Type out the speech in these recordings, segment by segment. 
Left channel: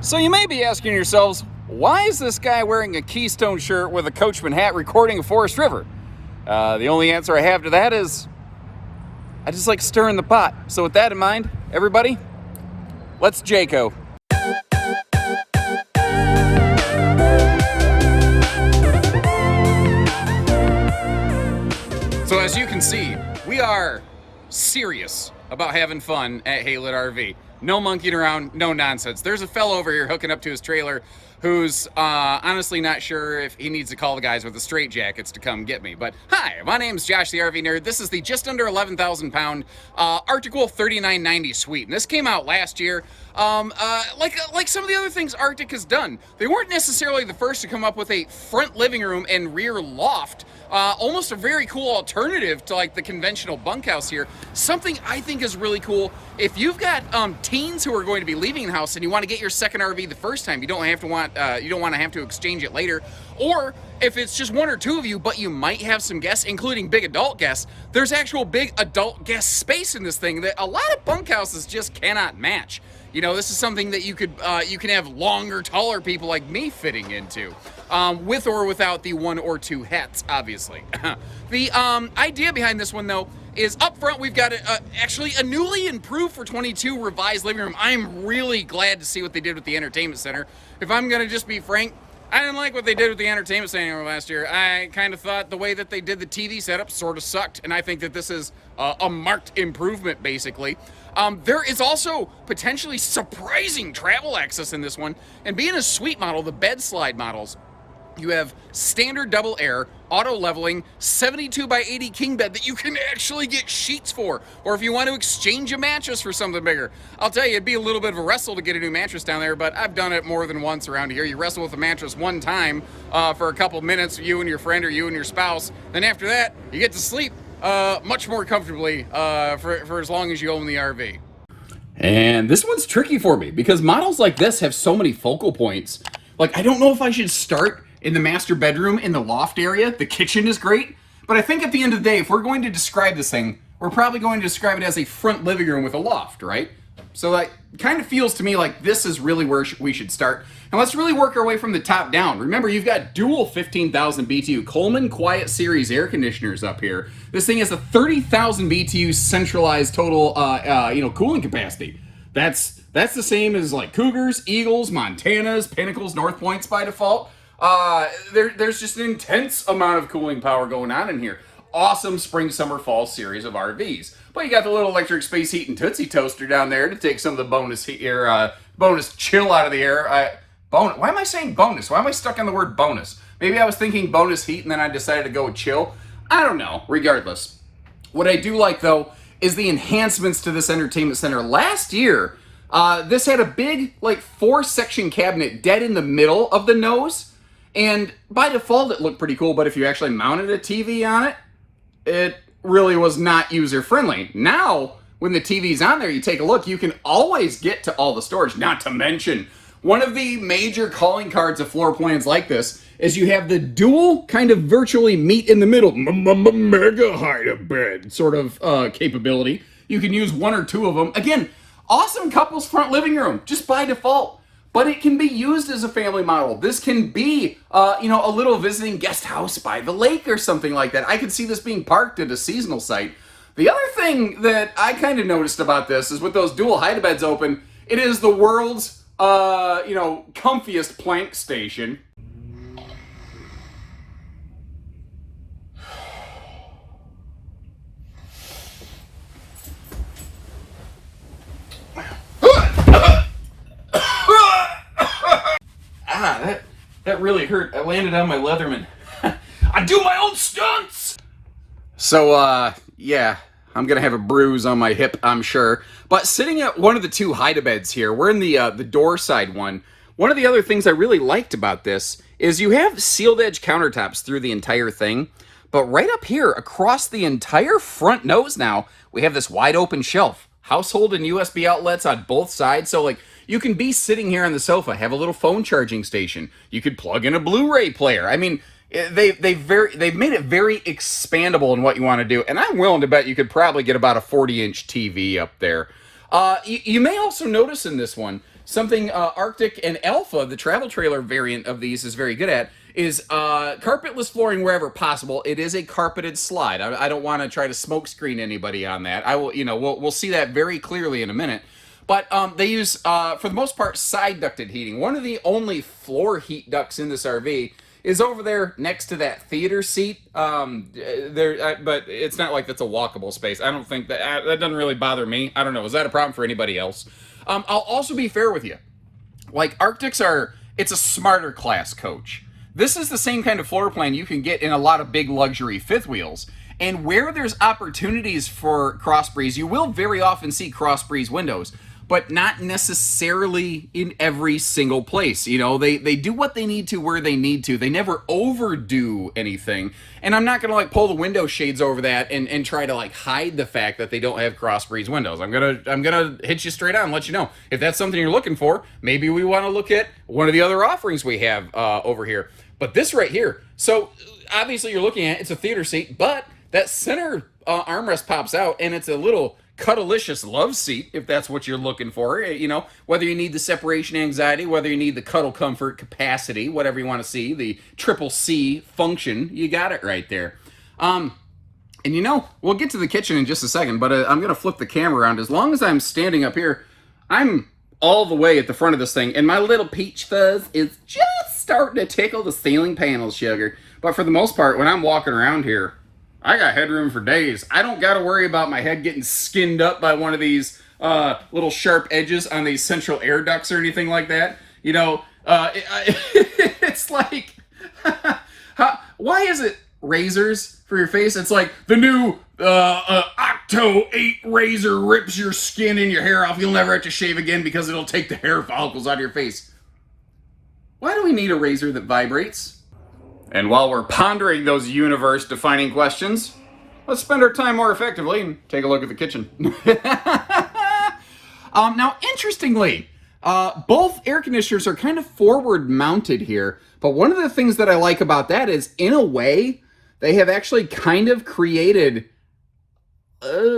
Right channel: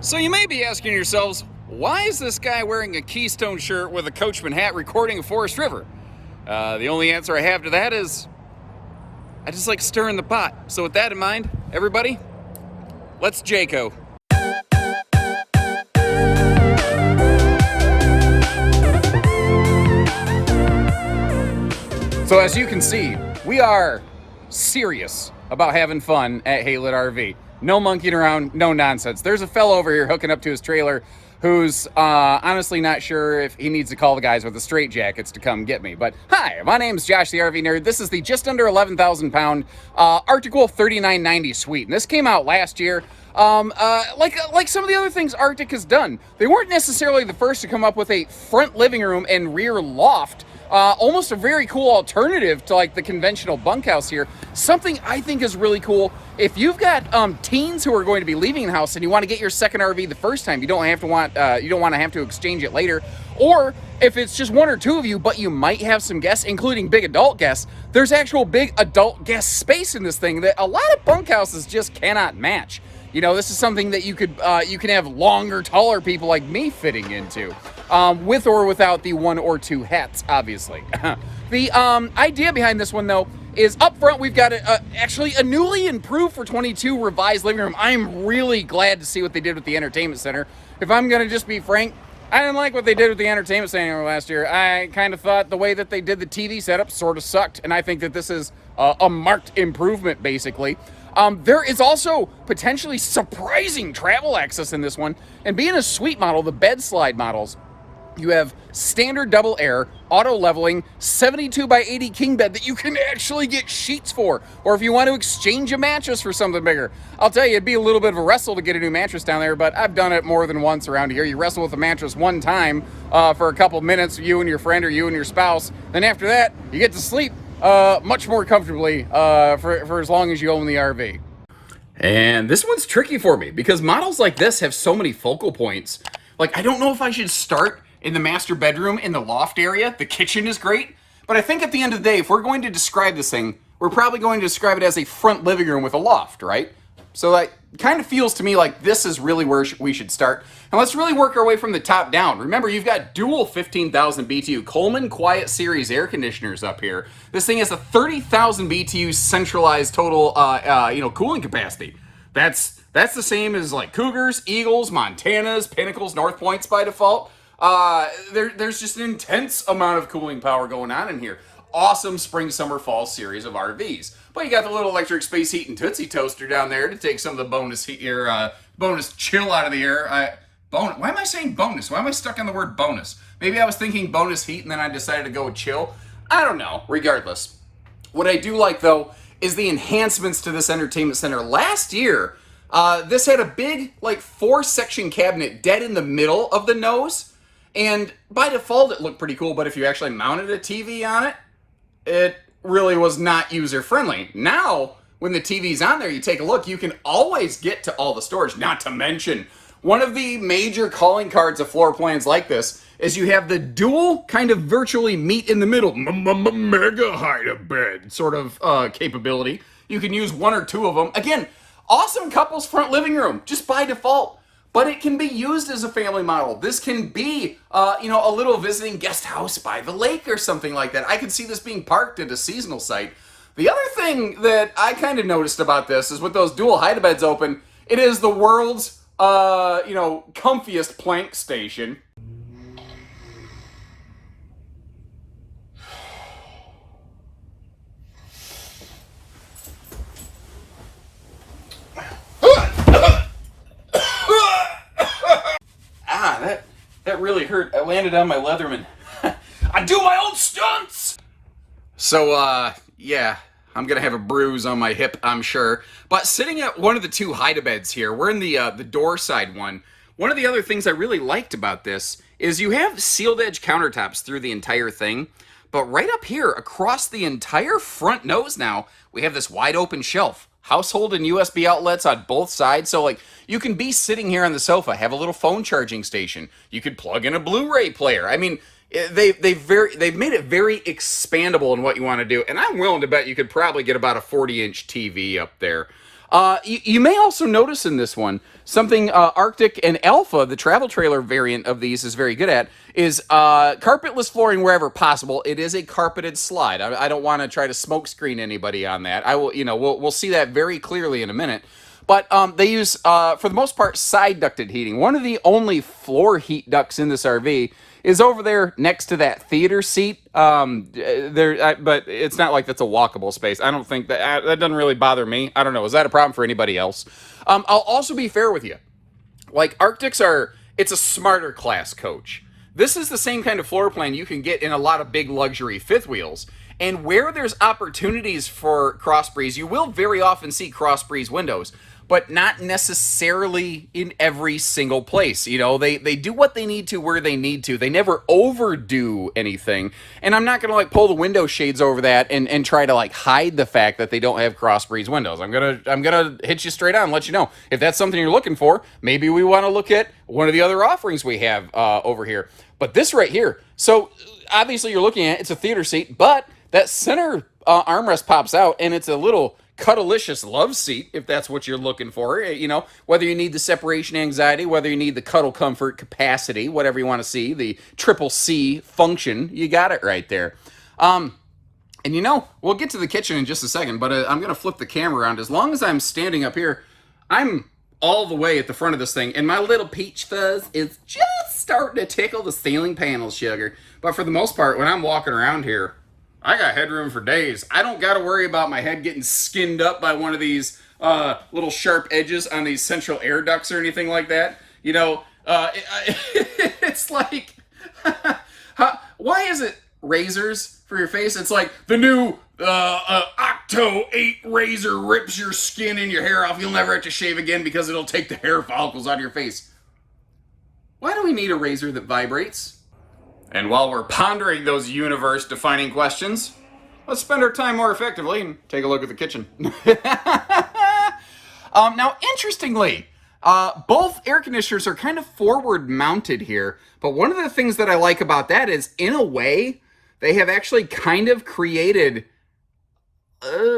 So you may be asking yourselves, why is this guy wearing a Keystone shirt with a Coachman hat recording a Forest River? The only answer I have to that is, I just like stirring the pot. So with that in mind, everybody, let's Jayco. So as you can see, we are serious about having fun at Haylet RV. No monkeying around, no nonsense. There's a fellow over here hooking up to his trailer who's honestly not sure if he needs to call the guys with the straight jackets to come get me. But hi, my name's Josh the RV Nerd. This is the just under 11,000 pound Arctic-Wolf 3990 Suite. And this came out last year. Like some of the other things Arctic has done. They weren't necessarily the first to come up with a front living room and rear loft. Almost a very cool alternative to like the conventional bunkhouse here. Something I think is really cool. If you've got teens who are going to be leaving the house and you want to get your second RV the first time, you don't want to have to exchange it later. Or if it's just one or two of you, but you might have some guests, including big adult guests, there's actual big adult guest space in this thing that a lot of bunkhouses just cannot match. You know, this is something that you can have longer, taller people like me fitting into, with or without the one or two hats, obviously. The idea behind this one, though, is up front we've got actually a newly improved for 22 revised living room. I'm really glad to see what they did with the entertainment center. If I'm going to just be frank, I didn't like what they did with the entertainment center last year. I kind of thought the way that they did the TV setup sort of sucked, and I think that this is a marked improvement, basically. There is also potentially surprising travel access in this one, and being a suite model, the bed slide models, you have standard double air, auto leveling, 72 by 80 king bed that you can actually get sheets for, or if you want to exchange a mattress for something bigger. I'll tell you, it'd be a little bit of a wrestle to get a new mattress down there, but I've done it more than once around here. You wrestle with a mattress one time for a couple minutes, you and your friend or you and your spouse, then after that, you get to sleep much more comfortably for as long as you own the RV. And this one's tricky for me because models like this have so many focal points. Like, I don't know if I should start in the master bedroom in the loft area. The kitchen is great, but I think at the end of the day, if we're going to describe this thing, we're probably going to describe it as a front living room with a loft, right? So that kind of feels to me like this is really where we should start. And let's really work our way from the top down. Remember, you've got dual 15,000 BTU Coleman Quiet Series air conditioners up here. This thing has a 30,000 BTU centralized total, cooling capacity. That's the same as like Cougars, Eagles, Montanas, Pinnacles, North Points by default. There's just an intense amount of cooling power going on in here. Awesome spring, summer, fall series of RVs. But you got the little electric space heat and Tootsie Toaster down there to take some of the bonus heat air, bonus chill out of the air. Why am I saying bonus? Why am I stuck on the word bonus? Maybe I was thinking bonus heat and then I decided to go with chill. I don't know. Regardless, what I do like though is the enhancements to this entertainment center. Last year, this had a big like 4-section cabinet dead in the middle of the nose. And by default, it looked pretty cool, but if you actually mounted a TV on it, it really was not user-friendly. Now, when the TV's on there, you take a look, you can always get to all the storage. Not to mention, one of the major calling cards of floor plans like this is you have the dual kind of virtually meet in the middle, mega height bed sort of capability. You can use one or two of them. Again, awesome couples front living room, just by default. But it can be used as a family model. This can be, a little visiting guest house by the lake or something like that. I could see this being parked at a seasonal site. The other thing that I kind of noticed about this is with those dual hide-a-beds open, it is the world's, comfiest plank station. That really hurt. I landed on my Leatherman. I do my own stunts! So, yeah, I'm gonna have a bruise on my hip, I'm sure. But sitting at one of the two hide-a-beds here, we're in the door side one. One of the other things I really liked about this is you have sealed edge countertops through the entire thing. But right up here, across the entire front nose now, we have this wide open shelf. Household and USB outlets on both sides, so like, you can be sitting here on the sofa, have a little phone charging station. You could plug in a Blu-ray player. I mean, they've made it very expandable in what you want to do, and I'm willing to bet you could probably get about a 40-inch TV up there. You may also notice in this one, Something Arctic and Alpha, the travel trailer variant of these, is very good at is carpetless flooring wherever possible. It is a carpeted slide. I don't want to try to smokescreen anybody on that. I will, we'll see that very clearly in a minute. But they use, for the most part, side ducted heating. One of the only floor heat ducts in this RV is over there next to that theater seat. But it's not like that's a walkable space. I don't think that doesn't really bother me. I don't know. Is that a problem for anybody else? I'll also be fair with you. Like, Arctics it's a smarter class coach. This is the same kind of floor plan you can get in a lot of big luxury fifth wheels. And where there's opportunities for cross breeze, you will very often see cross breeze windows, but not necessarily in every single place. They do what they need to where they need to. They never overdo anything. And I'm not going to pull the window shades over that and try to hide the fact that they don't have cross breeze windows. I'm going to hit you straight on and let you know if that's something you're looking for. Maybe we want to look at one of the other offerings we have over here. But this right here, so obviously you're looking at, it's a theater seat, but that center armrest pops out and it's a little cuddleicious love seat, if that's what you're looking for. Whether you need the separation anxiety, whether you need the cuddle comfort capacity, whatever you want to see, the triple C function, you got it right there. And we'll get to the kitchen in just a second, but I'm going to flip the camera around. As long as I'm standing up here, I'm all the way at the front of this thing, and my little peach fuzz is just starting to tickle the ceiling panels, sugar. But for the most part, when I'm walking around here, I got headroom for days. I don't got to worry about my head getting skinned up by one of these little sharp edges on these central air ducts or anything like that. It's like, why is it razors for your face? It's like the new Octo 8 razor rips your skin and your hair off. You'll never have to shave again because it'll take the hair follicles out of your face. Why do we need a razor that vibrates? And while we're pondering those universe-defining questions, let's spend our time more effectively and take a look at the kitchen. Now, interestingly, both air conditioners are kind of forward-mounted here, but one of the things that I like about that is, in a way, they have actually kind of created,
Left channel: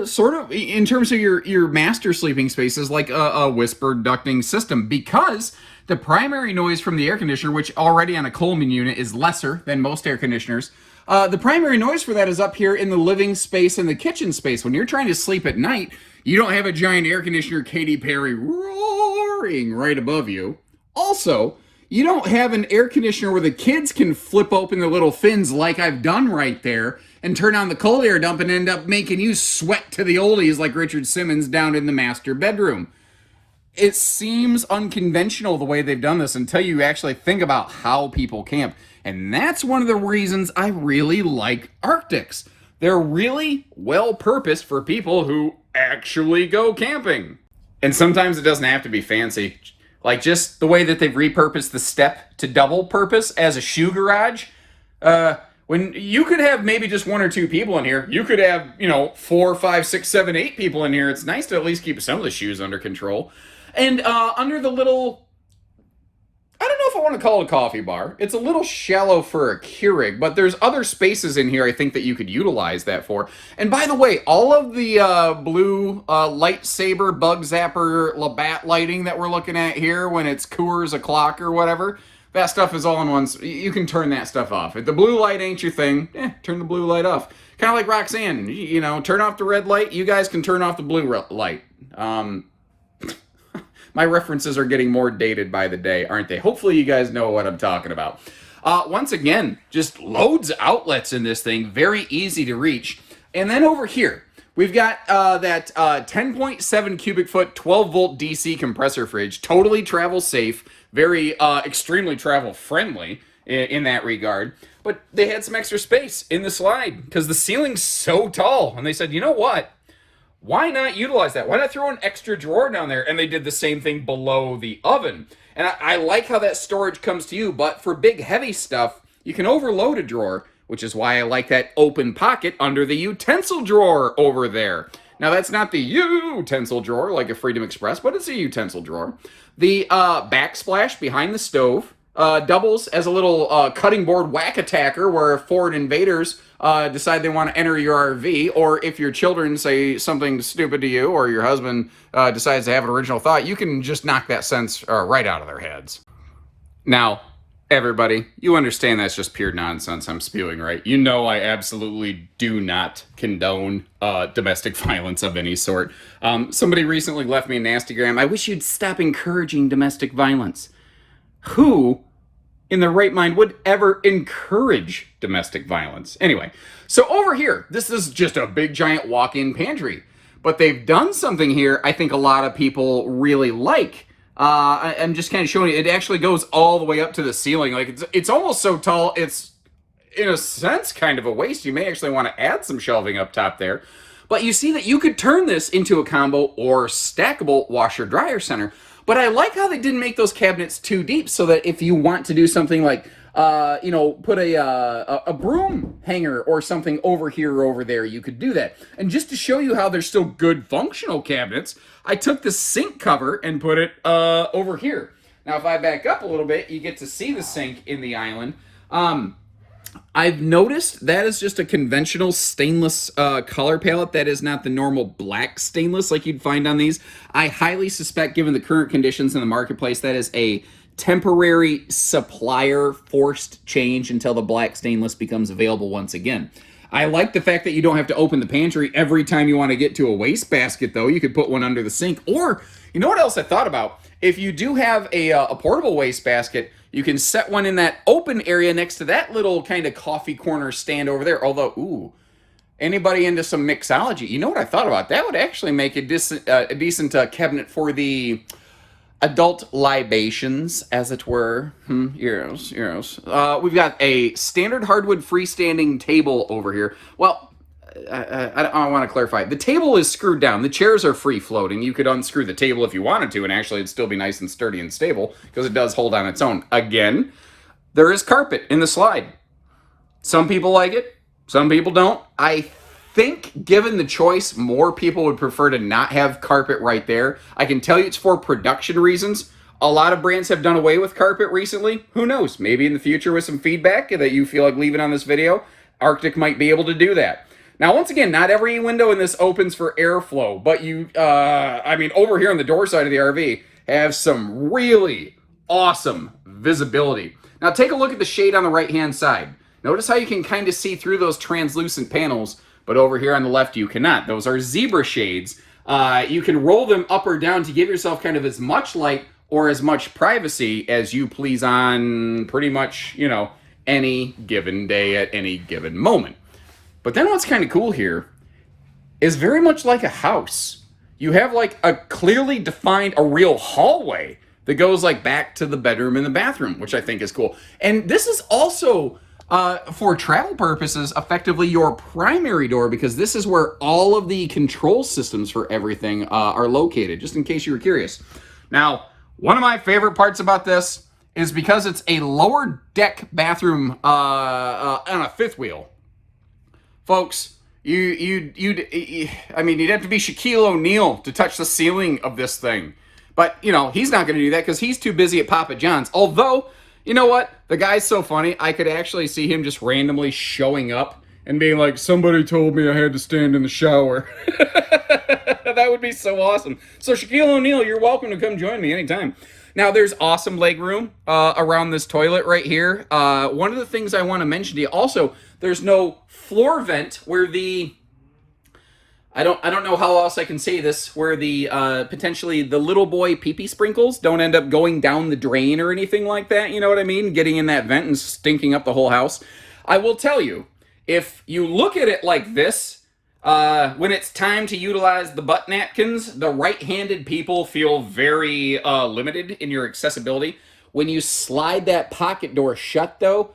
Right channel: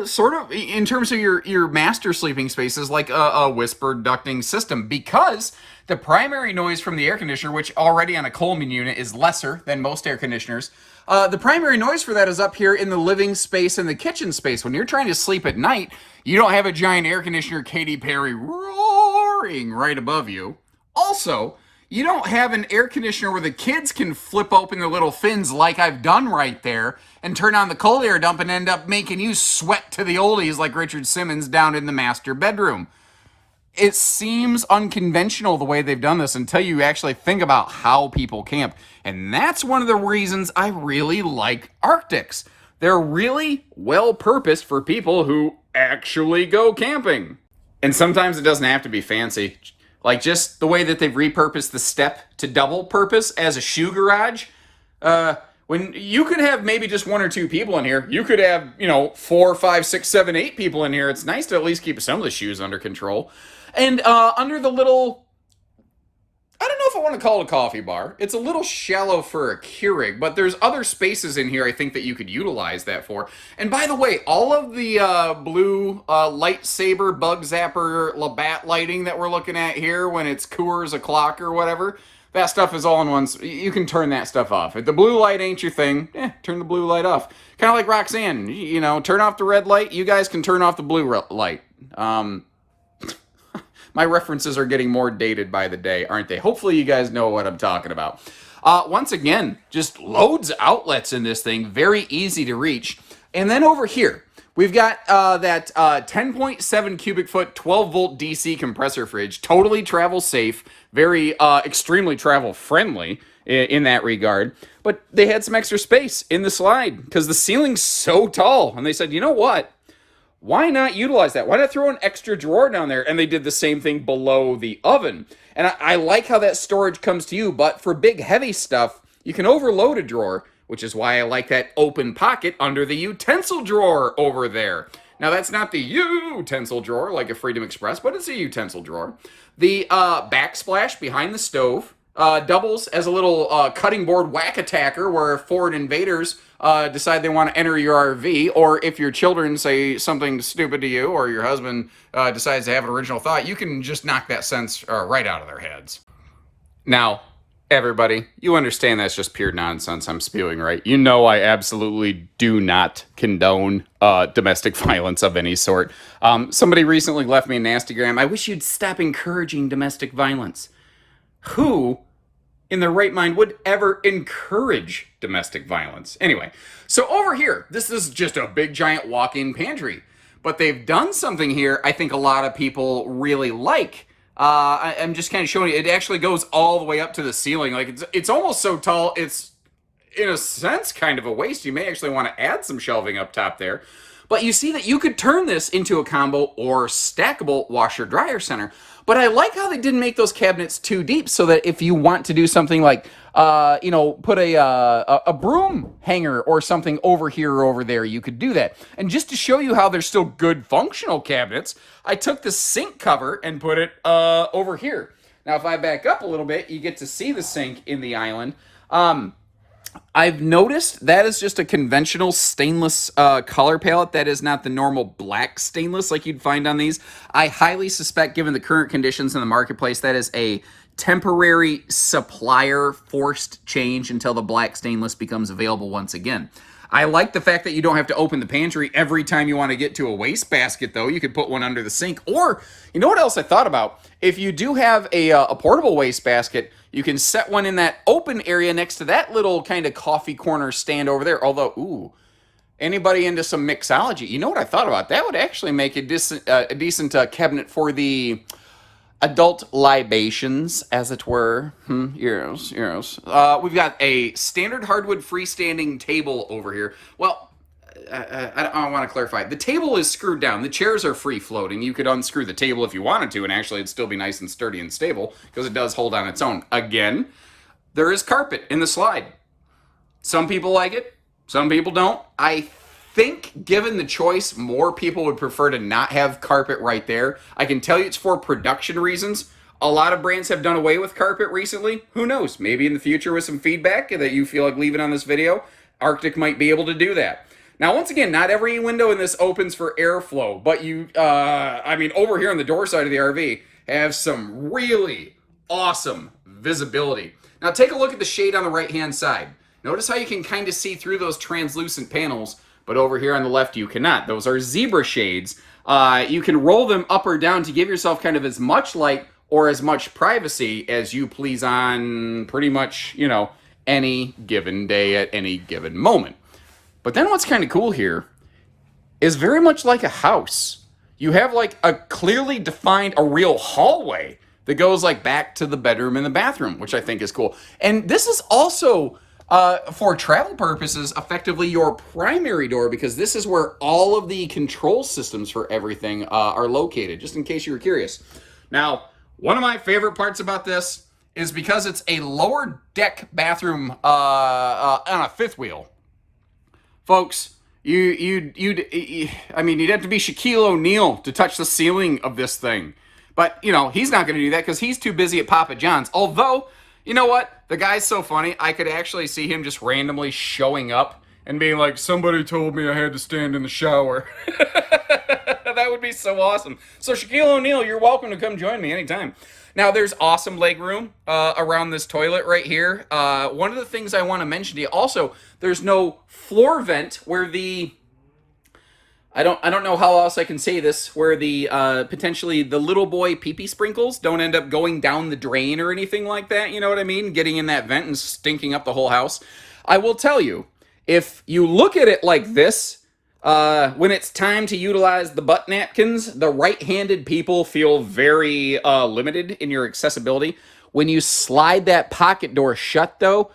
sort of, in terms of your master sleeping spaces, like a whispered ducting system, because the primary noise from the air conditioner, which already on a Coleman unit is lesser than most air conditioners, the primary noise for that is up here in the living space and the kitchen space. When you're trying to sleep at night, you don't have a giant air conditioner Katy Perry roaring right above you. Also, you don't have an air conditioner where the kids can flip open the little fins like I've done right there and turn on the cold air dump and end up making you sweat to the oldies like Richard Simmons down in the master bedroom. It seems unconventional the way they've done this until you actually think about how people camp. And that's one of the reasons I really like Arctics. They're really well-purposed for people who actually go camping. And sometimes it doesn't have to be fancy. Like just the way that they've repurposed the step to double purpose as a shoe garage. When you could have maybe just one or two people in here, you could have, 4, 5, 6, 7, 8 people in here. It's nice to at least keep some of the shoes under control. And under the little, I don't know if I want to call it a coffee bar. It's a little shallow for a Keurig, but there's other spaces in here I think that you could utilize that for. And by the way, all of the blue lightsaber, bug zapper, Labatt lighting that we're looking at here when it's Coors o'clock or whatever, that stuff is all in one. You can turn that stuff off. If the blue light ain't your thing, turn the blue light off. Kind of like Roxanne, turn off the red light. You guys can turn off the blue light. My references are getting more dated by the day, aren't they? Hopefully you guys know what I'm talking about. Once again, just loads of outlets in this thing. Very easy to reach. And then over here, we've got that 10.7 cubic foot, 12 volt DC compressor fridge. Totally travel safe. Very extremely travel friendly in that regard. But they had some extra space in the slide because the ceiling's so tall. And they said, you know what? Why not utilize that? Why not throw an extra drawer down there? And they did the same thing below the oven. And I like how that storage comes to you, but for big, heavy stuff, you can overload a drawer, which is why I like that open pocket under the utensil drawer over there. Now, that's not the utensil drawer like a Freedom Express, but it's a utensil drawer. The backsplash behind the stove doubles as a little cutting board whack attacker where foreign invaders decide they want to enter your RV, or if your children say something stupid to you, or your husband decides to have an original thought, you can just knock that sense right out of their heads. Now, everybody, you understand that's just pure nonsense I'm spewing, right? You know I absolutely do not condone domestic violence of any sort. Somebody recently left me a nastygram. I wish you'd stop encouraging domestic violence. Who in their right mind would ever encourage domestic violence? Anyway, so over here, this is just a big giant walk-in pantry. But they've done something here I think a lot of people really like. I'm just kind of showing you, it actually goes all the way up to the ceiling. Like it's almost so tall, it's in a sense kind of a waste. You may actually want to add some shelving up top there. But you see that you could turn this into a combo or stackable washer-dryer center. But I like how they didn't make those cabinets too deep, so that if you want to do something like, put a broom hanger or something over here or over there, you could do that. And just to show you how they're still good functional cabinets, I took the sink cover and put it over here. Now, if I back up a little bit, you get to see the sink in the island. I've noticed that is just a conventional stainless color palette. That is not the normal black stainless like you'd find on these. I highly suspect, given the current conditions in the marketplace, that is a temporary supplier forced change until the black stainless becomes available once again. I like the fact that you don't have to open the pantry every time you want to get to a wastebasket, though. You could put one under the sink. Or, you know what else I thought about? If you do have a portable wastebasket, you can set one in that open area next to that little kind of coffee corner stand over there. Although, ooh, anybody into some mixology? You know what I thought about? That would actually make a decent cabinet for the adult libations, as it were. Euros. We've got a standard hardwood freestanding table over here. Well, I want to clarify. The table is screwed down. The chairs are free floating. You could unscrew the table if you wanted to, and actually it'd still be nice and sturdy and stable because it does hold on its own. Again, there is carpet in the slide. Some people like it. Some people don't. I think, given the choice, more people would prefer to not have carpet right there. I can tell you it's for production reasons. A lot of brands have done away with carpet recently. Who knows? Maybe in the future with some feedback that you feel like leaving on this video, Arctic might be able to do that. Now, once again, not every window in this opens for airflow, but over here on the door side of the RV, have some really awesome visibility. Now, take a look at the shade on the right-hand side. Notice how you can kind of see through those translucent panels, but over here on the left, you cannot. Those are zebra shades. You can roll them up or down to give yourself kind of as much light or as much privacy as you please on pretty much, any given day at any given moment. But then what's kind of cool here is very much like a house. You have like a clearly defined, a real hallway that goes like back to the bedroom and the bathroom, which I think is cool. And this is also, for travel purposes, effectively your primary door, because this is where all of the control systems for everything are located, just in case you were curious. Now, one of my favorite parts about this is because it's a lower deck bathroom on a fifth wheel. Folks, you'd have to be Shaquille O'Neal to touch the ceiling of this thing. But, he's not going to do that because he's too busy at Papa John's. Although, you know what? The guy's so funny, I could actually see him just randomly showing up and being like, somebody told me I had to stand in the shower. That would be so awesome. So, Shaquille O'Neal, you're welcome to come join me anytime. Now, there's awesome leg room around this toilet right here. One of the things I want to mention to you also, there's no floor vent where the, I don't know how else I can say this, where the potentially the little boy pee-pee sprinkles don't end up going down the drain or anything like that, you know what I mean? Getting in that vent and stinking up the whole house. I will tell you, if you look at it like this, when it's time to utilize the butt napkins, the right-handed people feel very limited in your accessibility. When you slide that pocket door shut, though,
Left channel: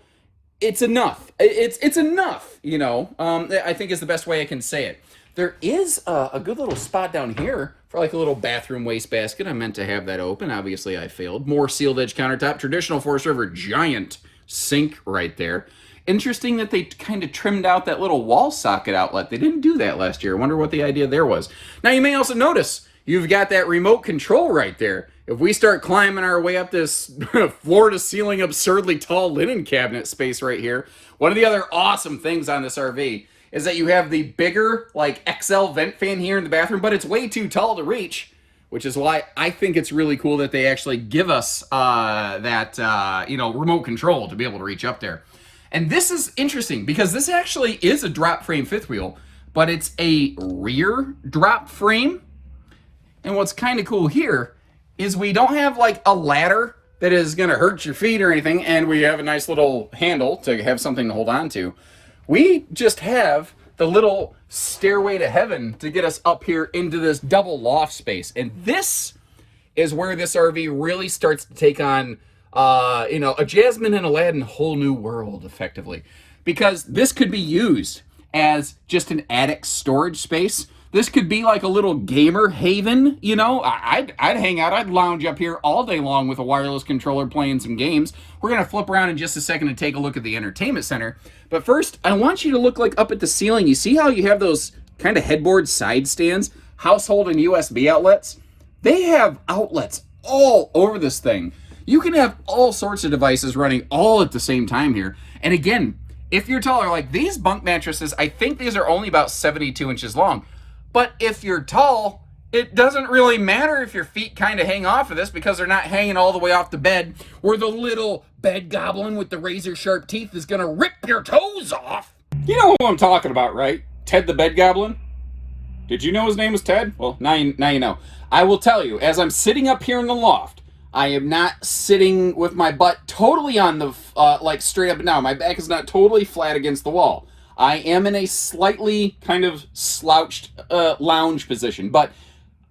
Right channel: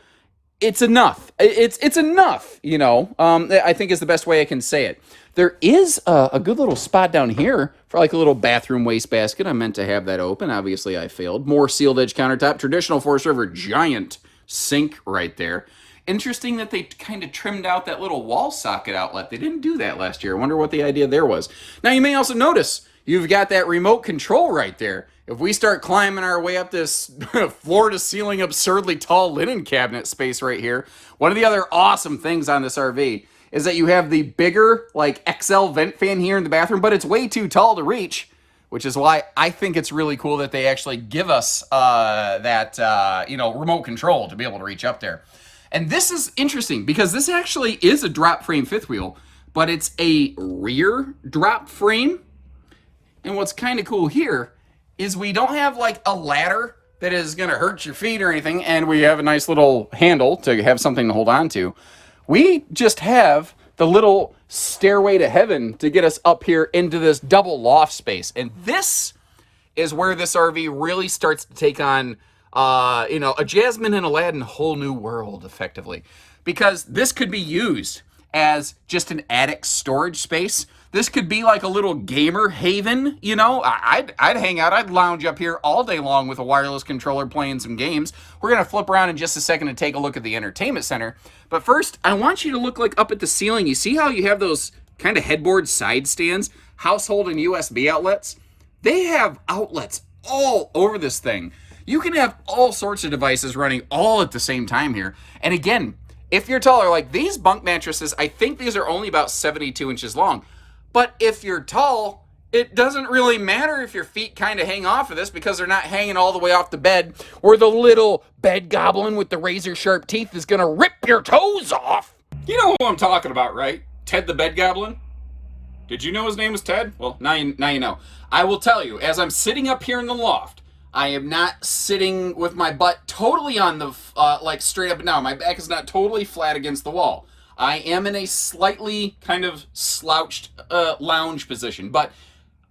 it's enough. It's enough, I think is the best way I can say it. There is a good little spot down here for like a little bathroom wastebasket. I meant to have that open. Obviously, I failed. More sealed edge countertop, traditional Forest River giant sink right there. Interesting that they kind of trimmed out that little wall socket outlet. They didn't do that last year. I wonder what the idea there was. Now, you may also notice you've got that remote control right there. if we start climbing our way up this floor-to-ceiling absurdly tall linen cabinet space right here, one of the other awesome things on this RV is that you have the bigger, like, XL vent fan here in the bathroom, but it's way too tall to reach, which is why I think it's really cool that they actually give us that remote control to be able to reach up there. And this is interesting because this actually is a drop frame fifth wheel, but it's a rear drop frame. And what's kind of cool here is we don't have like a ladder that is going to hurt your feet or anything, and we have a nice little handle to have something to hold on to. We just have the little stairway to heaven to get us up here into this double loft space. And this is where this RV really starts to take on, a Jasmine and Aladdin whole new world, effectively. Because this could be used as just an attic storage space. This could be like a little gamer haven, I'd hang out, I'd lounge up here all day long with a wireless controller playing some games. We're going to flip around in just a second and take a look at the entertainment center. But first, I want you to look like up at the ceiling. You see how you have those kind of headboard side stands, household and USB outlets? They have outlets all over this thing. You can have all sorts of devices running all at the same time here. And again, if you're taller, like these bunk mattresses, I think these are only about 72 inches long. But if you're tall, it doesn't really matter if your feet kind of hang off of this because they're not hanging all the way off the bed, where the little bed goblin with the razor sharp teeth is going to rip your toes off. You know who I'm talking about, right? Ted the bed goblin? Did you know his name was Ted? Well, now you know. I will tell you, as I'm sitting up here in the loft, I am not sitting with my butt totally on the, straight up and down. My back is not totally flat against the wall. I am in a slightly kind of slouched lounge position, but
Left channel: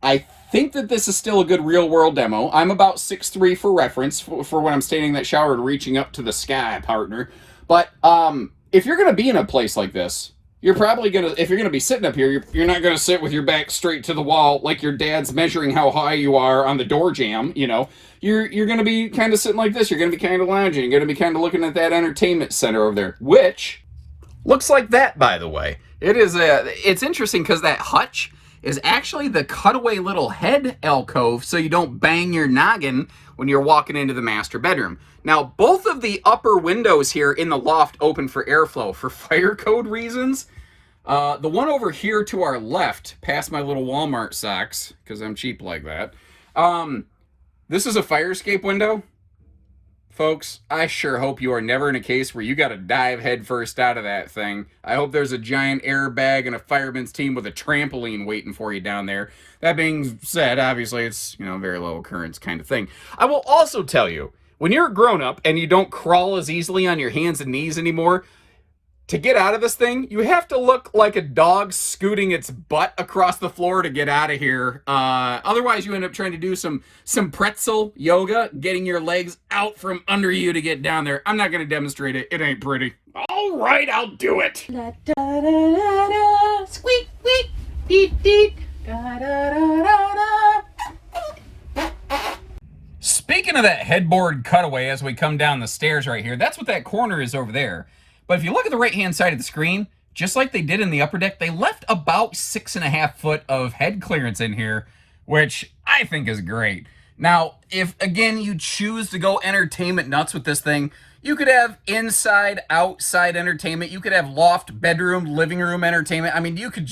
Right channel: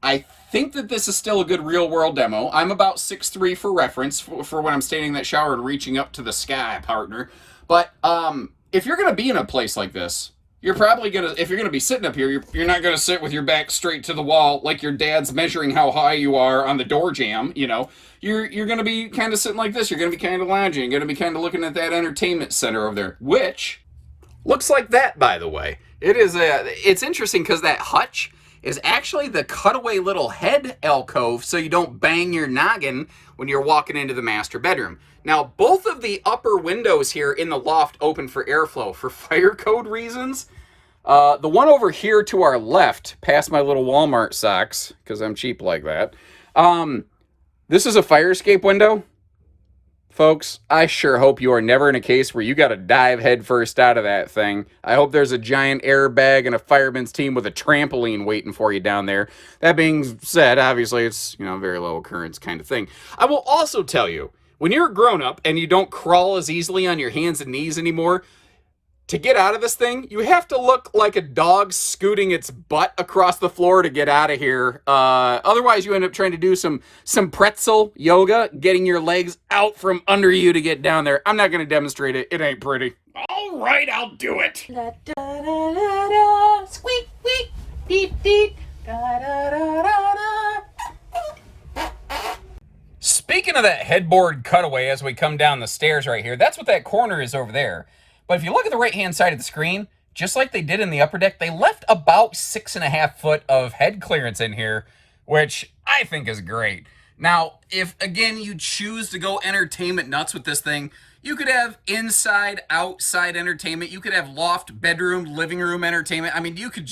I think that this is still a good real-world demo. I'm about 6'3" for reference for when I'm standing in that shower and reaching up to the sky, partner. But if you're going to be in a place like this, you're probably going to, if you're going to be sitting up here, you're not going to sit with your back straight to the wall like your dad's measuring how high you are on the door jamb, You're going to be kind of sitting like this. You're going to be kind of lounging. You're going to be kind of looking at that entertainment center over there, which looks like that, by the way. It's interesting because that hutch is actually the cutaway little head alcove so you don't bang your noggin when you're walking into the master bedroom. Now, both of the upper windows here in the loft open for airflow for fire code reasons. The one over here to our left, past my little Walmart socks, because I'm cheap like that, this is a fire escape window. Folks, I sure hope you are never in a case where you got to dive headfirst out of that thing. I hope there's a giant airbag and a fireman's team with a trampoline waiting for you down there. That being said, obviously it's, very low occurrence kind of thing. I will also tell you, when you're a grown-up and you don't crawl as easily on your hands and knees anymore, to get out of this thing, you have to look like a dog scooting its butt across the floor to get out of here. Otherwise, you end up trying to do some pretzel yoga, getting your legs out from under you to get down there. I'm not going to demonstrate it. It ain't pretty. All right, I'll do it. Da, da, da, da, da. Squeak, squeak, deet, deet. Da, da, da, da, da. Speaking of that headboard cutaway as we come down the stairs right here, that's what that corner is over there. But if you look at the right-hand side of the screen, just like they did in the upper deck, they left about 6.5 foot of head clearance in here, which I think is great. Now, if, again, you choose to go entertainment nuts with this thing, you could have inside, outside entertainment. You could have loft, bedroom, living room entertainment. I mean, you could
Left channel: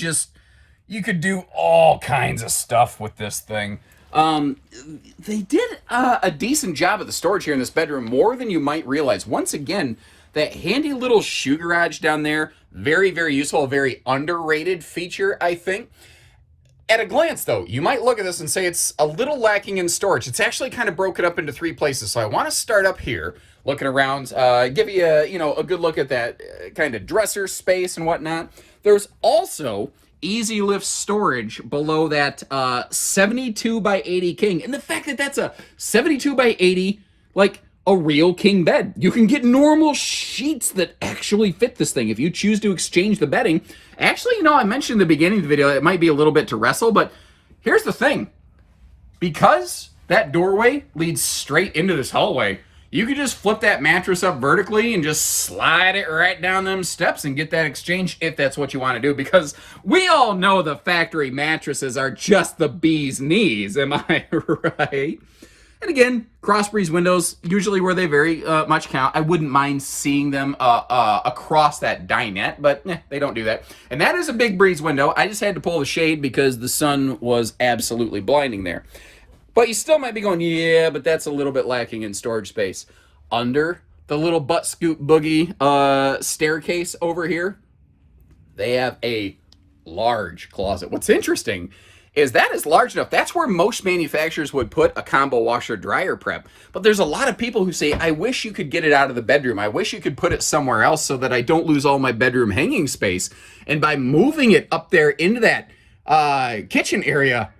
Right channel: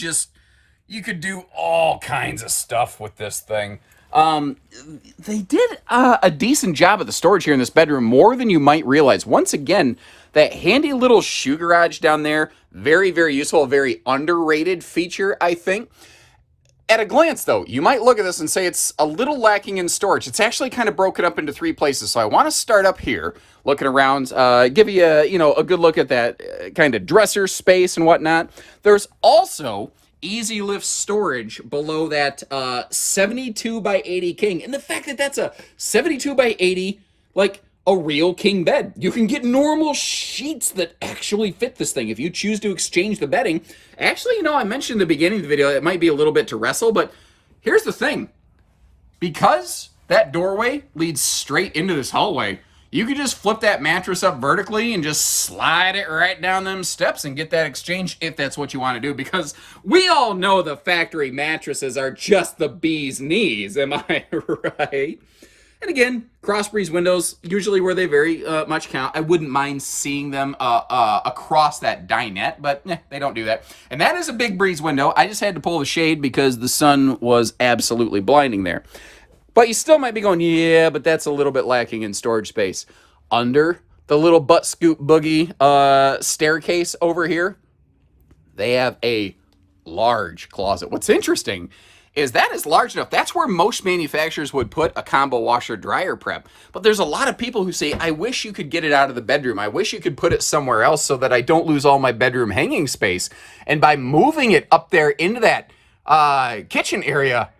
do all kinds of stuff with this thing. They did a decent job of the storage here in this bedroom, more than you might realize. Once again, that handy little shoe garage down there, very, very useful, a very underrated feature, I think. At a glance, though, you might look at this and say it's a little lacking in storage. It's actually kind of broken up into 3 places. So I want to start up here, looking around, give you a good look at that kind of dresser space and whatnot. There's also easy lift storage below that 72 by 80 king. And the fact that that's a 72 by 80, like a real king bed. You can get normal sheets that actually fit this thing if you choose to exchange the bedding. Actually, I mentioned in the beginning of the video, it might be a little bit to wrestle, but here's the thing. Because that doorway leads straight into this hallway, you can just flip that mattress up vertically and just slide it right down them steps and get that exchange if that's what you want to do. Because we all know the factory mattresses are just the bee's knees, am I right? And again, cross breeze windows, usually where they very much count. I wouldn't mind seeing them across that dinette, but they don't do that. And that is a big breeze window. I just had to pull the shade because the sun was absolutely blinding there. But you still might be going, yeah, but that's a little bit lacking in storage space. Under the little butt scoop boogie staircase over here, they have a large closet. What's interesting is that is large enough. That's where most manufacturers would put a combo washer dryer prep. But there's a lot of people who say, I wish you could get it out of the bedroom. I wish you could put it somewhere else so that I don't lose all my bedroom hanging space. And by moving it up there into that kitchen area,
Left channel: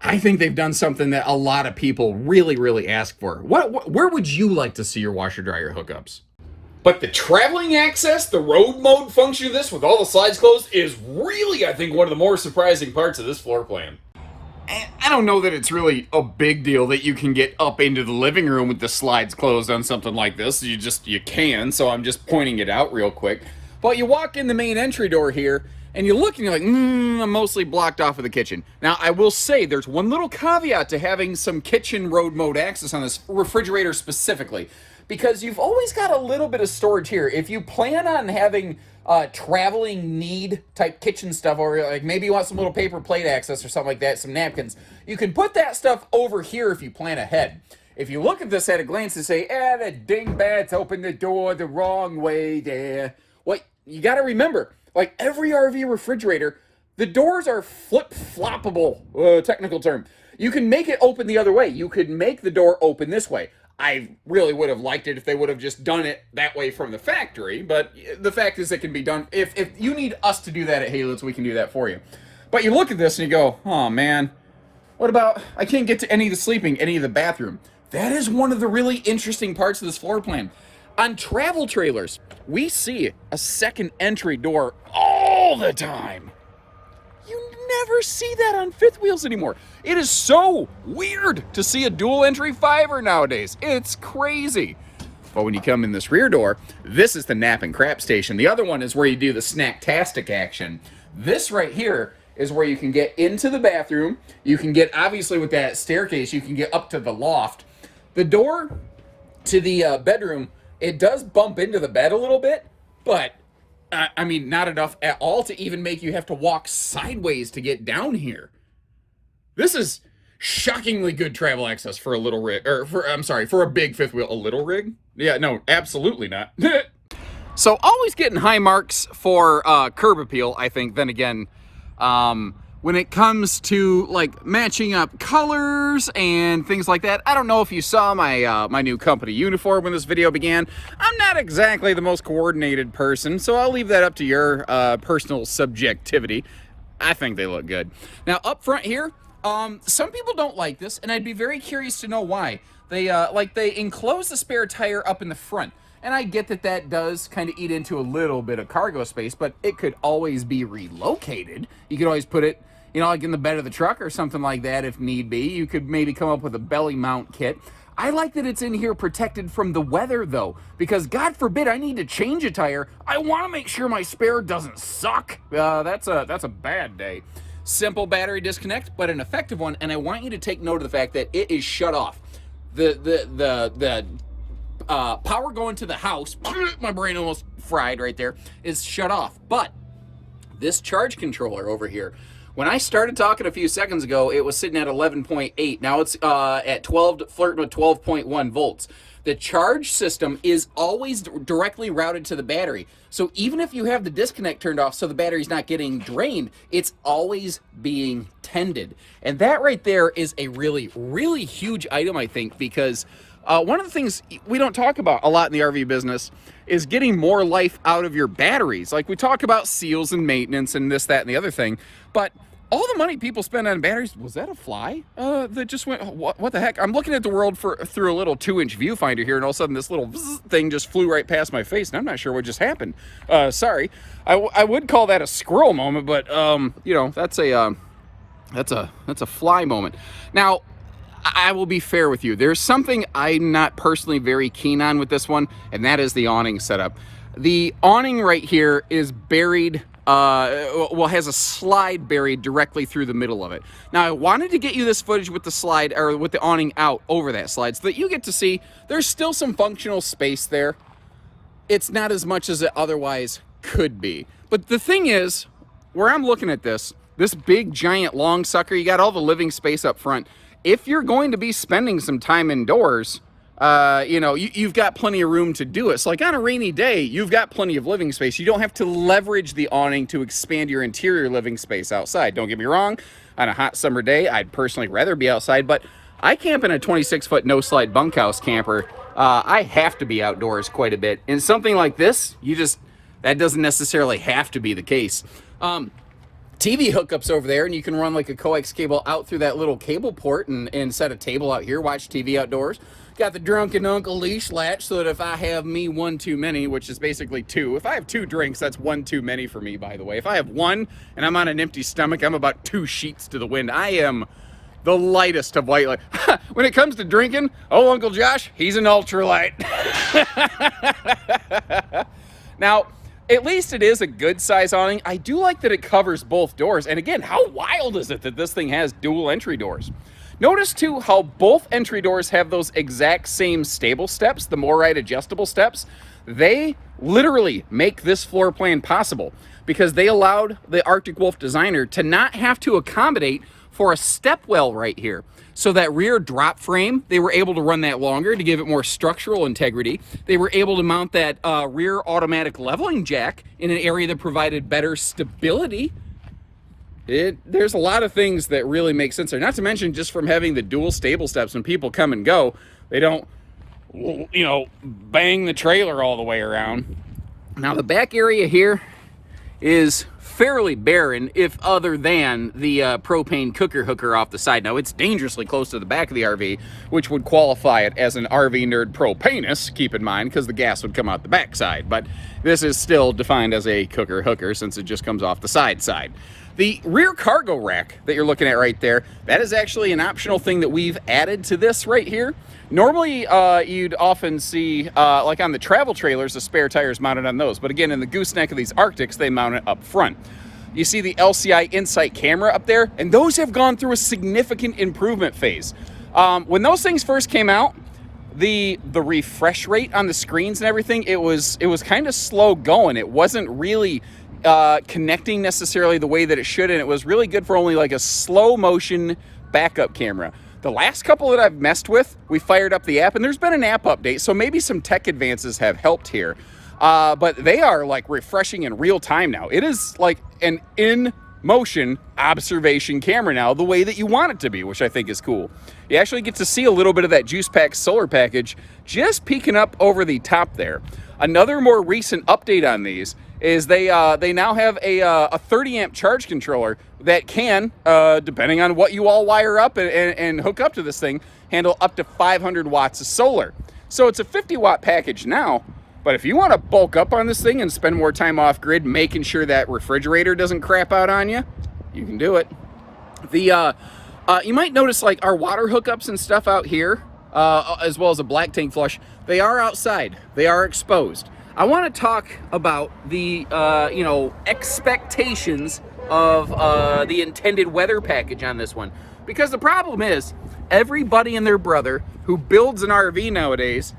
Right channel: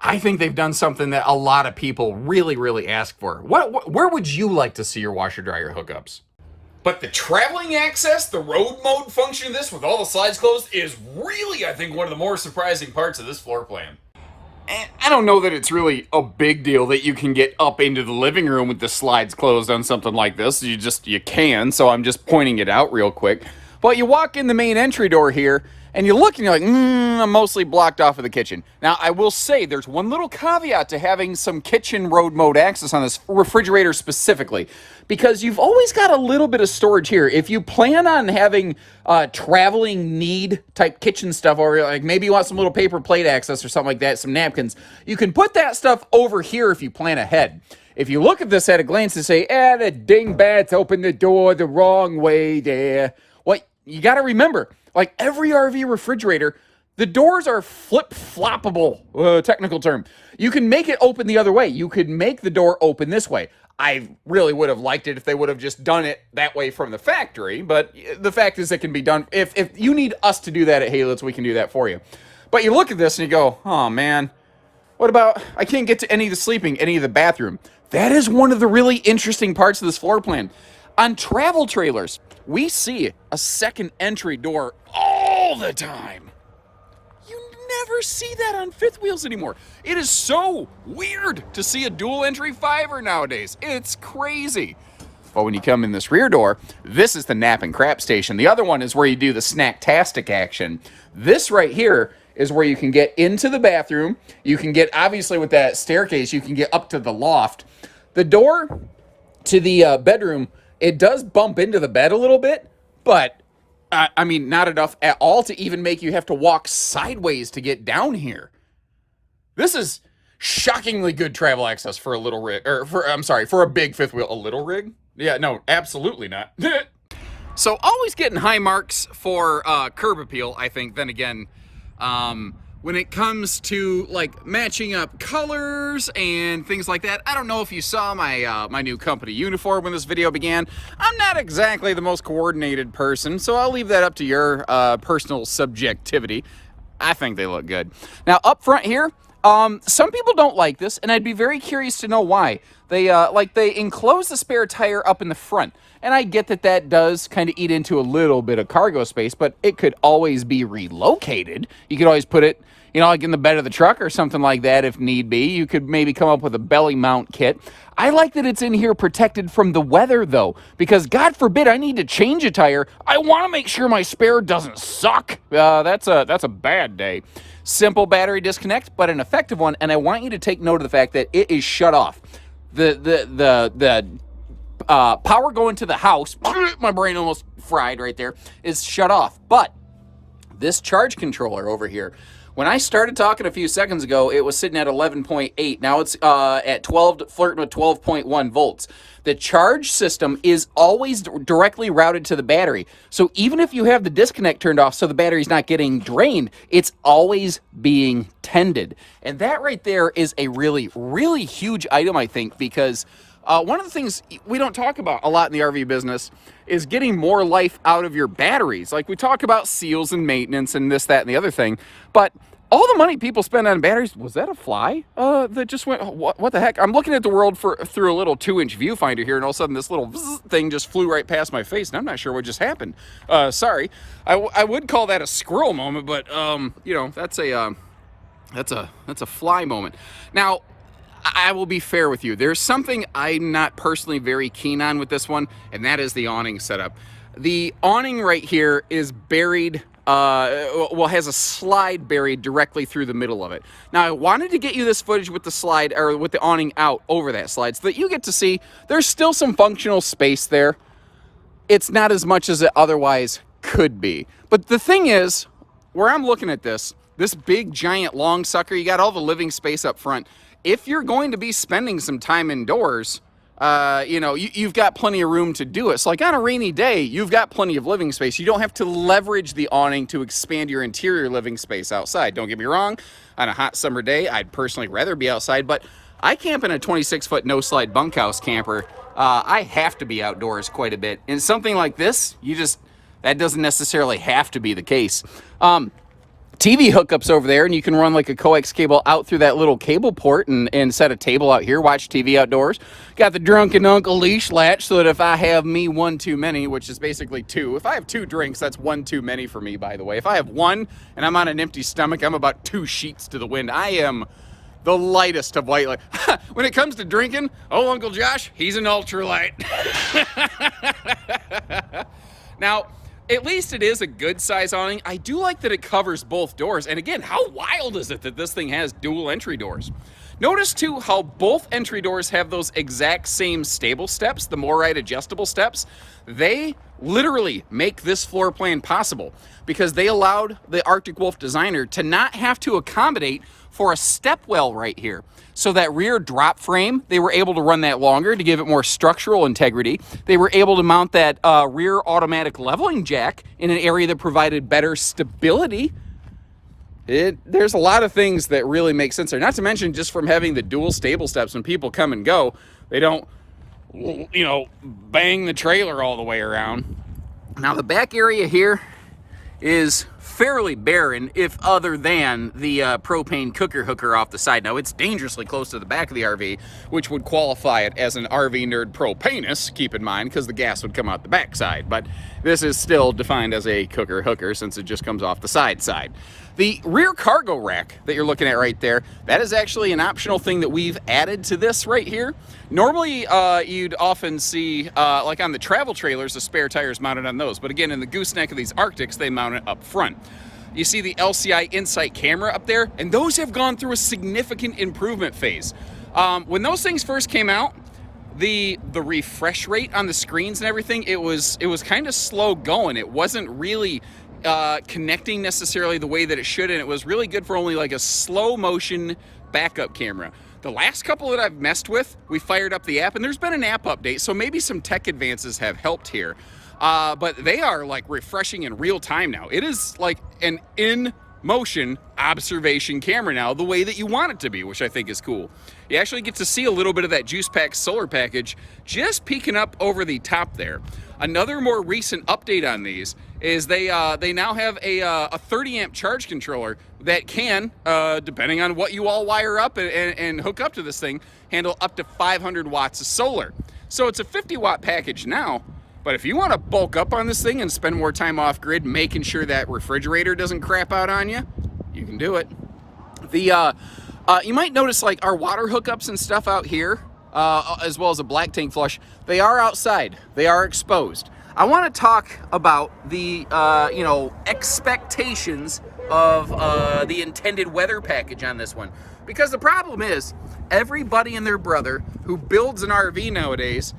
I think they've done something that a lot of people really, really ask for. Where would you like to see your washer dryer hookups? But the traveling access, the road mode function of this with all the slides closed is really, I think, one of the more surprising parts of this floor plan. And I don't know that it's really a big deal that you can get up into the living room with the slides closed on something like this. You can, so I'm just pointing it out real quick. But you walk in the main entry door here, and you look and you're like, I'm mostly blocked off of the kitchen. Now, I will say there's one little caveat to having some kitchen road mode access on this refrigerator specifically, because you've always got a little bit of storage here. If you plan on having traveling need type kitchen stuff, or like maybe you want some little paper plate access or something like that, some napkins, you can put that stuff over here if you plan ahead. If you look at this at a glance and say, the dingbats opened the door the wrong way there. Well, you got to remember, like every RV refrigerator, the doors are flip-floppable, technical term. You can make it open the other way. You could make the door open this way. I really would have liked it if they would have just done it that way from the factory, but the fact is it can be done. If you need us to do that at Haylitz, we can do that for you. But you look at this and you go, oh man, what about, I can't get to any of the sleeping, any of the bathroom. That is one of the really interesting parts of this floor plan. On travel trailers, we see a second entry door all the time. You never see that on fifth wheels anymore. It is so weird to see a dual entry fiver nowadays. It's crazy. But when you come in this rear door, this is the nap and crap station. The other one is where you do the snack-tastic action. This right here is where you can get into the bathroom. You can get, obviously with that staircase, you can get up to the loft. The door to the bedroom, it does bump into the bed a little bit, but I mean, not enough at all to even make you have to walk sideways to get down here. This is shockingly good travel access for a little rig, or for a big fifth wheel. A little rig? Yeah, no, absolutely not. So always getting high marks for curb appeal, I think. Then again, when it comes to like matching up colors and things like that, I don't know if you saw my my new company uniform when this video began. I'm not exactly the most coordinated person, so I'll leave that up to your personal subjectivity. I think they look good. Now up front here, some people don't like this, and I'd be very curious to know why. They enclose the spare tire up in the front. And I get that that does kind of eat into a little bit of cargo space, but it could always be relocated. You could always put it, you know, like in the bed of the truck or something like that if need be. You could maybe come up with a belly mount kit. I like that it's in here protected from the weather, though, because God forbid I need to change a tire. I want to make sure my spare doesn't suck. That's a bad day. Simple battery disconnect, but an effective one, and I want you to take note of the fact that it is shut off. The power going to the house, my brain almost fried right there, is shut off. But this charge controller over here, when I started talking a few seconds ago, it was sitting at 11.8. Now it's at 12, flirting with 12.1 volts. The charge system is always directly routed to the battery. So even if you have the disconnect turned off so the battery's not getting drained, it's always being tended. And that right there is a really, really huge item, I think, because one of the things we don't talk about a lot in the RV business is getting more life out of your batteries. Like we talk about seals and maintenance and this, that, and the other thing, but all the money people spend on batteries, was that a fly that just went, what the heck? I'm looking at the world through a little 2-inch viewfinder here, and all of a sudden this little thing just flew right past my face, and I'm not sure what just happened. Sorry. I would call that a squirrel moment, but you know, that's a fly moment. Now, I will be fair with you. There's something I'm not personally very keen on with this one, and that is the awning setup. The awning right here is buried has a slide buried directly through the middle of it. Now, I wanted to get you this footage with the slide, or with the awning out over that slide, so that you get to see there's still some functional space there. It's not as much as it otherwise could be. But the thing is, where I'm looking at this big, giant, long sucker, you got all the living space up front. If you're going to be spending some time indoors, you've got plenty of room to do it. So like on a rainy day, you've got plenty of living space. You don't have to leverage the awning to expand your interior living space outside. Don't get me wrong, on a hot summer day, I'd personally rather be outside, but I camp in a 26-foot no-slide bunkhouse camper. I have to be outdoors quite a bit. And something like this, that doesn't necessarily have to be the case. TV hookups over there, and you can run like a coax cable out through that little cable port and set a table out here, watch TV outdoors. Got the drunken uncle leash latch so that if I have me one too many, which is basically two, if I have 2 drinks, that's one too many for me, by the way. If I have one and I'm on an empty stomach, I'm about 2 sheets to the wind. I am the lightest of white light. When it comes to drinking, oh, Uncle Josh, he's an ultralight. Now, at least it is a good size awning. I do like that it covers both doors. And again, how wild is it that this thing has dual entry doors? Notice too how both entry doors have those exact same stable steps, the MORrite adjustable steps. They literally make this floor plan possible because they allowed the Arctic Wolf designer to not have to accommodate for a step well right here. So that rear drop frame, they were able to run that longer to give it more structural integrity. They were able to mount that rear automatic leveling jack in an area that provided better stability. There's a lot of things that really make sense there. Not to mention just from having the dual stable steps when people come and go, they don't, bang the trailer all the way around. Now the back area here is fairly barren, if other than the propane cooker hooker off the side. Now, it's dangerously close to the back of the RV, which would qualify it as an RV nerd propanus, keep in mind, because the gas would come out the back side. But this is still defined as a cooker hooker since it just comes off the side. The rear cargo rack that you're looking at right there, that is actually an optional thing that we've added to this right here. Normally, you'd often see, like on the travel trailers, the spare tires mounted on those. But again, in the gooseneck of these Arctics, they mount it up front. You see the LCI Insight camera up there, and those have gone through a significant improvement phase. When those things first came out, the refresh rate on the screens and everything, it was kind of slow going. It wasn't really connecting necessarily the way that it should, and it was really good for only like a slow motion backup camera. The last couple that I've messed with, we fired up the app, and there's been an app update, so maybe some tech advances have helped here. But they are like refreshing in real time now. It is like an in-motion observation camera now, the way that you want it to be, which I think is cool. You actually get to see a little bit of that Juice Pack solar package just peeking up over the top there. Another more recent update on these is they now have a 30 amp charge controller that can, depending on what you all wire up and hook up to this thing, handle up to 500 watts of solar. So it's a 50 watt package now, but if you want to bulk up on this thing and spend more time off grid making sure that refrigerator doesn't crap out on you, you can do it. You might notice like our water hookups and stuff out here, as well as a black tank flush, they are outside, they are exposed. I want to talk about the, expectations of the intended weather package on this one. Because the problem is, everybody and their brother who builds an RV nowadays,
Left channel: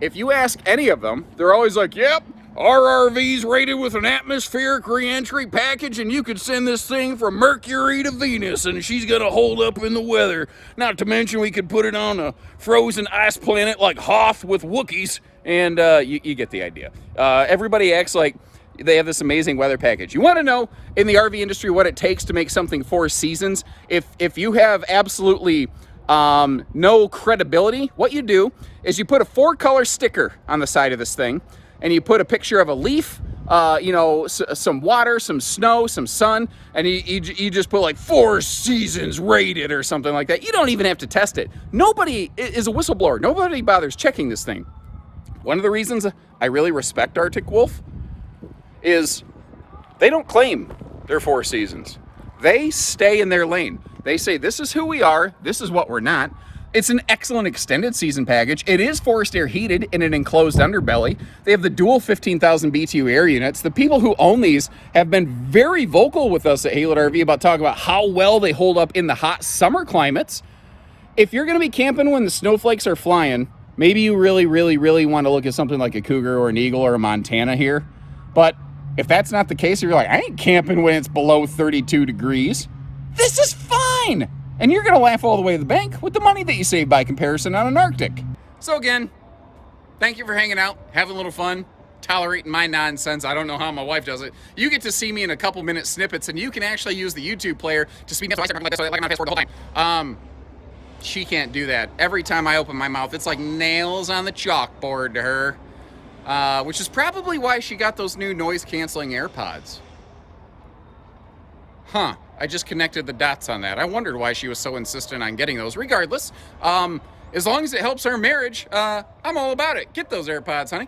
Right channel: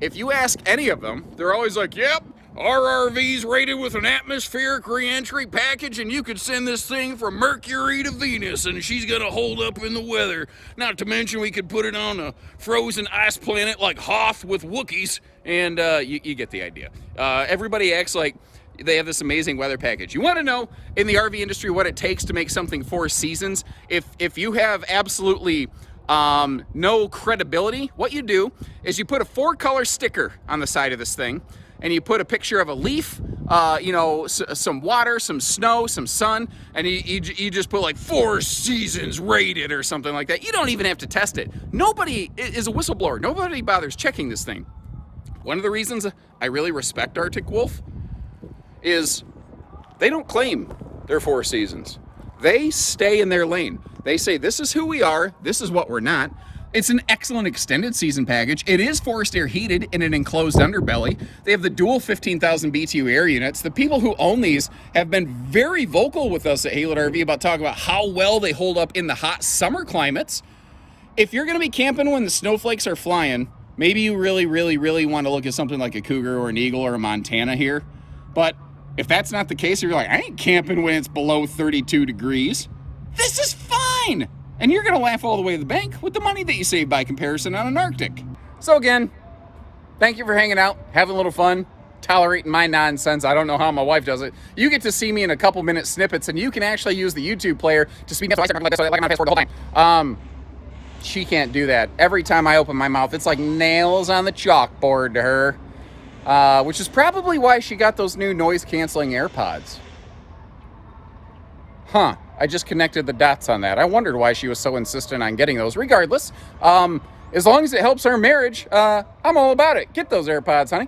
if you ask any of them, they're always like, yep, our RV's rated with an atmospheric re-entry package, and you could send this thing from Mercury to Venus, and she's gonna hold up in the weather. Not to mention we could put it on a frozen ice planet like Hoth with Wookiees, and you get the idea. Everybody acts like they have this amazing weather package. You want to know in the RV industry what it takes to make something 4 seasons? If you have absolutely no credibility, what you do is you put a 4-color sticker on the side of this thing, and you put a picture of a leaf, some water, some snow, some sun, and you just put like 4 seasons rated or something like that. You don't even have to test it. Nobody is a whistleblower. Nobody bothers checking this thing. One of the reasons I really respect Arctic Wolf is they don't claim their 4 seasons. They stay in their lane. They say, this is who we are, this is what we're not. It's an excellent extended season package. It is forced air heated in an enclosed underbelly. They have the dual 15,000 BTU air units. The people who own these have been very vocal with us at Haylett RV about talking about how well they hold up in the hot summer climates. If you're going to be camping when the snowflakes are flying, maybe you really, really, really want to look at something like a Cougar or an Eagle or a Montana here. But if that's not the case, you're like, I ain't camping when it's below 32 degrees. This is fine. And you're going to laugh all the way to the bank with the money that you save by comparison on an Arctic. So again, thank you for hanging out, having a little fun, tolerating my nonsense. I don't know how my wife does it. You get to see me in a couple minute snippets, and you can actually use the YouTube player to speed up so I start like this, so like I'm on fast forward the whole time. She can't do that. Every time I open my mouth, it's like nails on the chalkboard to her, which is probably why she got those new noise-canceling AirPods. Huh. I just connected the dots on that. I wondered why she was so insistent on getting those. Regardless, as long as it helps our marriage, I'm all about it. Get those AirPods, honey.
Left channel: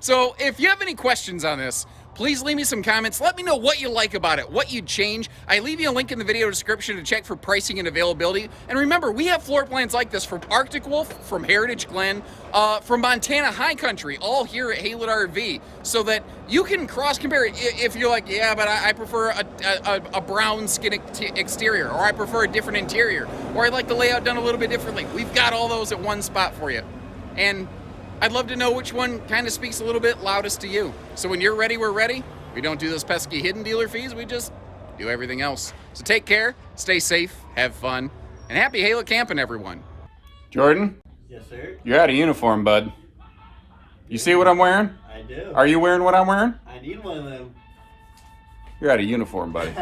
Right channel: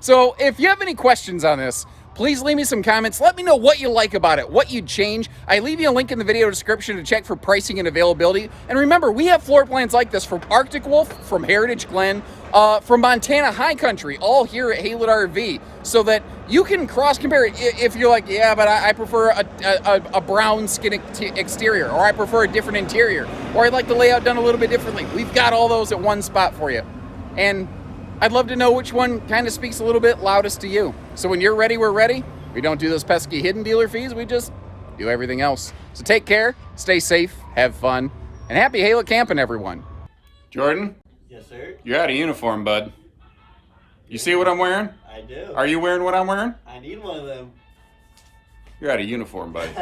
So if you have any questions on this, please leave me some comments. Let me know what you like about it, what you'd change. I leave you a link in the video description to check for pricing and availability. And remember, we have floor plans like this from Arctic Wolf, from Heritage Glen, from Montana High Country, all here at Haylett RV, so that you can cross-compare it. If you're like, yeah, but I prefer a brown skin exterior, or I prefer a different interior, or I'd like the layout done a little bit differently. We've got all those at one spot for you. And I'd love to know which one kind of speaks a little bit loudest to you. So when you're ready, we're ready. We don't do those pesky hidden dealer fees. We just do everything else. So take care, stay safe, have fun, and happy Haylett camping, everyone. Jordan? Yes, sir? You're out of uniform, bud. You see what I'm wearing? I do. Are you wearing what I'm wearing? I need one of them. You're out of uniform, buddy.